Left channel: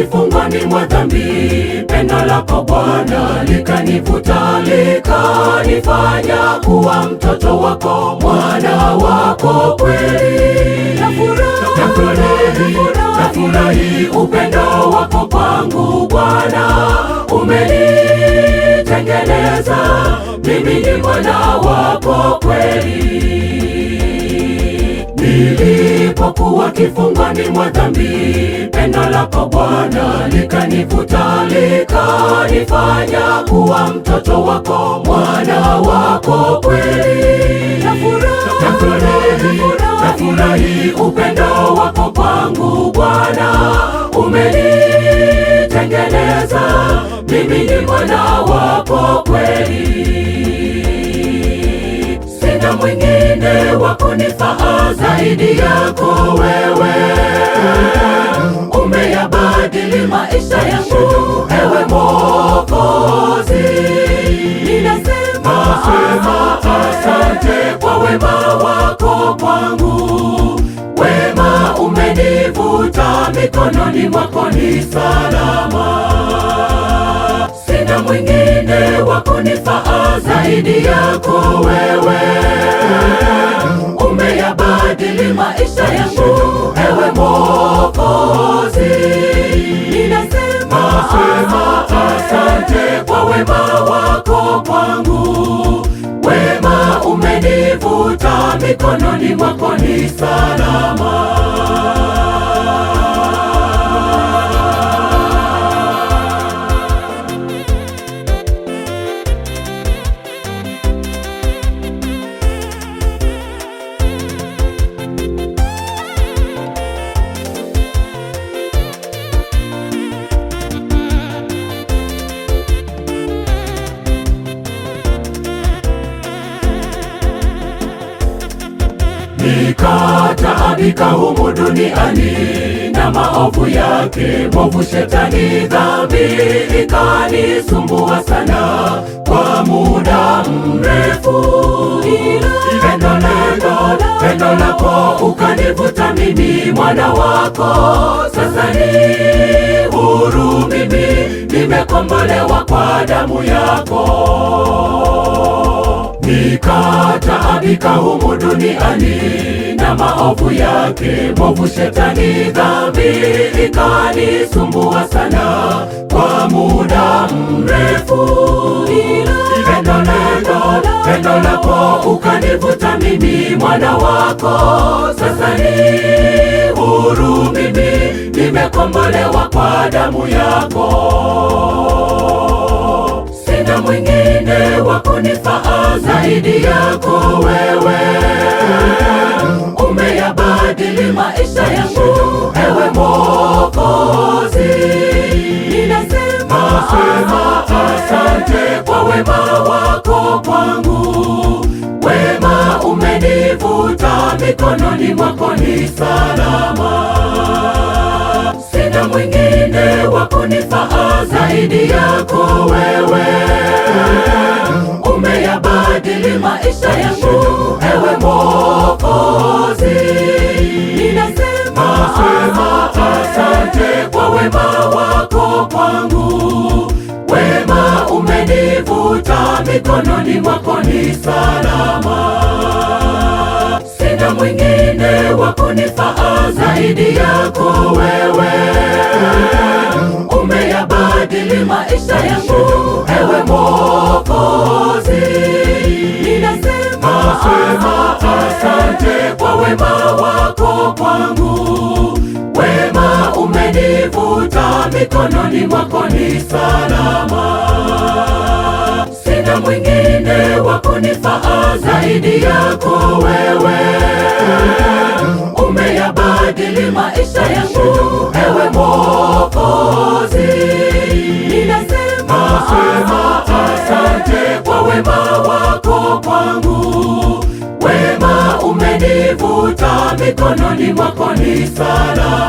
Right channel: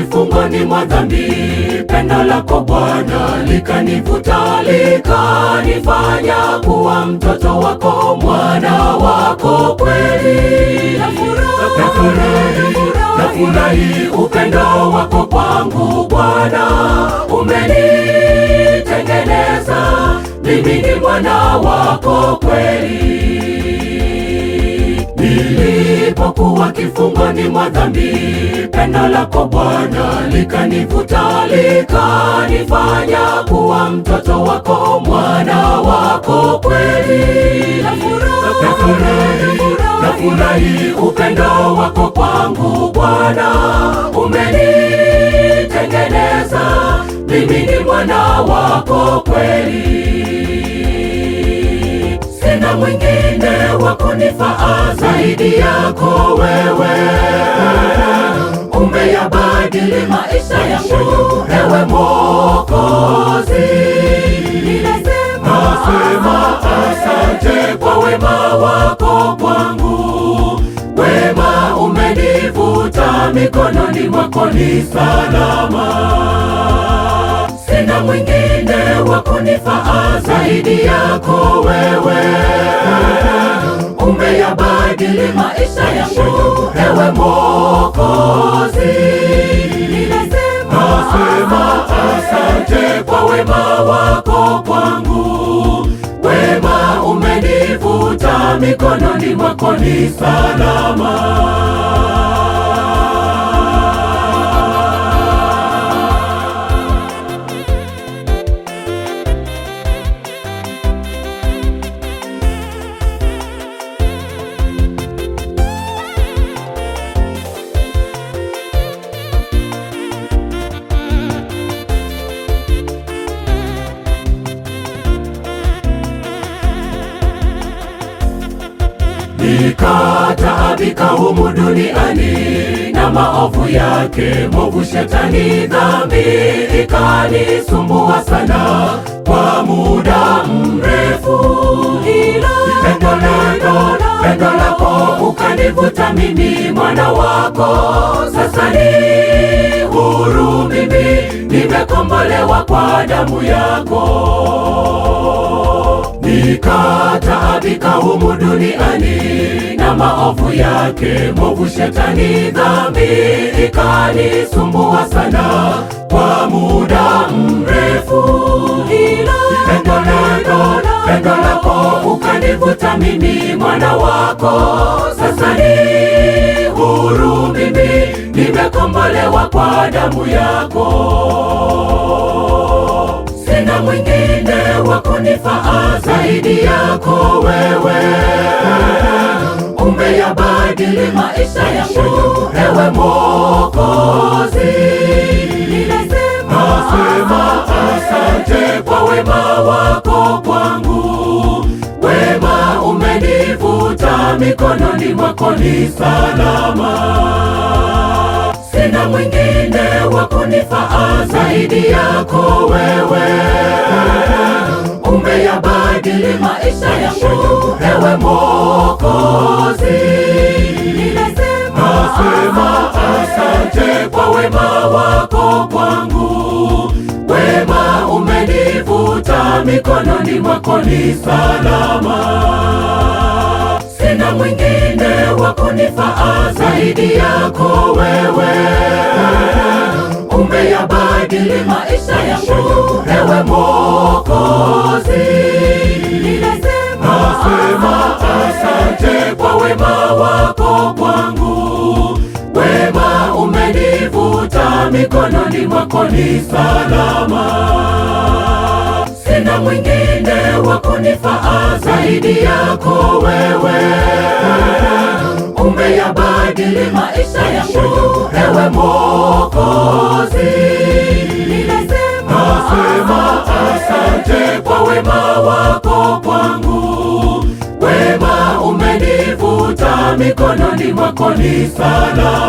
kifungoni mwa dhambi, pendo lako Bwana likanivuta, likanifanya kuwa mtoto wako, mwana wako kweli. Nafurahi upendo wako kwangu Bwana, umenitengeneza, mimi ni mwana wako kweli. Nilipokuwa kifungoni mwa dhambi, pendo lako Bwana likanivuta, likanifanya kuwa mtoto wako, mwana wako kweli. Nafurahi upendo wako kwangu Bwana, umenitengeneza, mimi ni mwana wako kweli. Sina mwingine wa kunifaa zaidi yako wewe, umeyabadili maisha yangu, ewe Mwokozi. Ninasema asante kwa wema wako kwangu, wema umenivuta, mikononi mwako ni salama. Sina mwingine wa kunifaa zaidi yako wewe, umeyabadili maisha yangu, ewe Mwokozi. Ninasema asante kwa wema wako kwangu, wema umenivuta, mikononi mwako ni salama. Nikataabika humu duniani na maovu yake, mwovu Shetani, dhambi ikanisumbua sana kwa muda mrefu. Pendo lako ukanivuta, mimi mwana wako, sasa ni huru mimi, nimekombolewa kwa damu yako. Nikataabika humu duniani na maovu yake, mwovu Shetani, dhambi ikanisumbua sana kwa muda mrefu. Pendo lako ukanivuta, mimi mwana wako, sasa ni huru mimi, nimekombolewa kwa damu yako. Sina mwingine wa kunifaa zaidi yako wewe, umeyabadili maisha yangu, ewe Mwokozi. Ninasema asante kwa wema wako kwangu, wema umenivuta, mikononi mwako ni salama. Sina mwingine wa kunifaa zaidi yako wewe, umeyabadili maisha yangu, ewe Mwokozi. Ninasema asante kwa wema wako kwangu, wema umenivuta, mikononi mwako ni salama. Sina mwingine wa kunifaa zaidi yako wewe, umeyabadili maisha yangu, ewe Mwokozi. Ninasema asante kwa wema wako kwangu, wema umenivuta, mikononi mwako ni salama. Sina mwingine wa kunifaa zaidi yako wewe, umeyabadili maisha yangu, ewe Mwokozi. Ninasema asante kwa wema wako kwangu, wema umenivuta, mikononi mwako ni salama.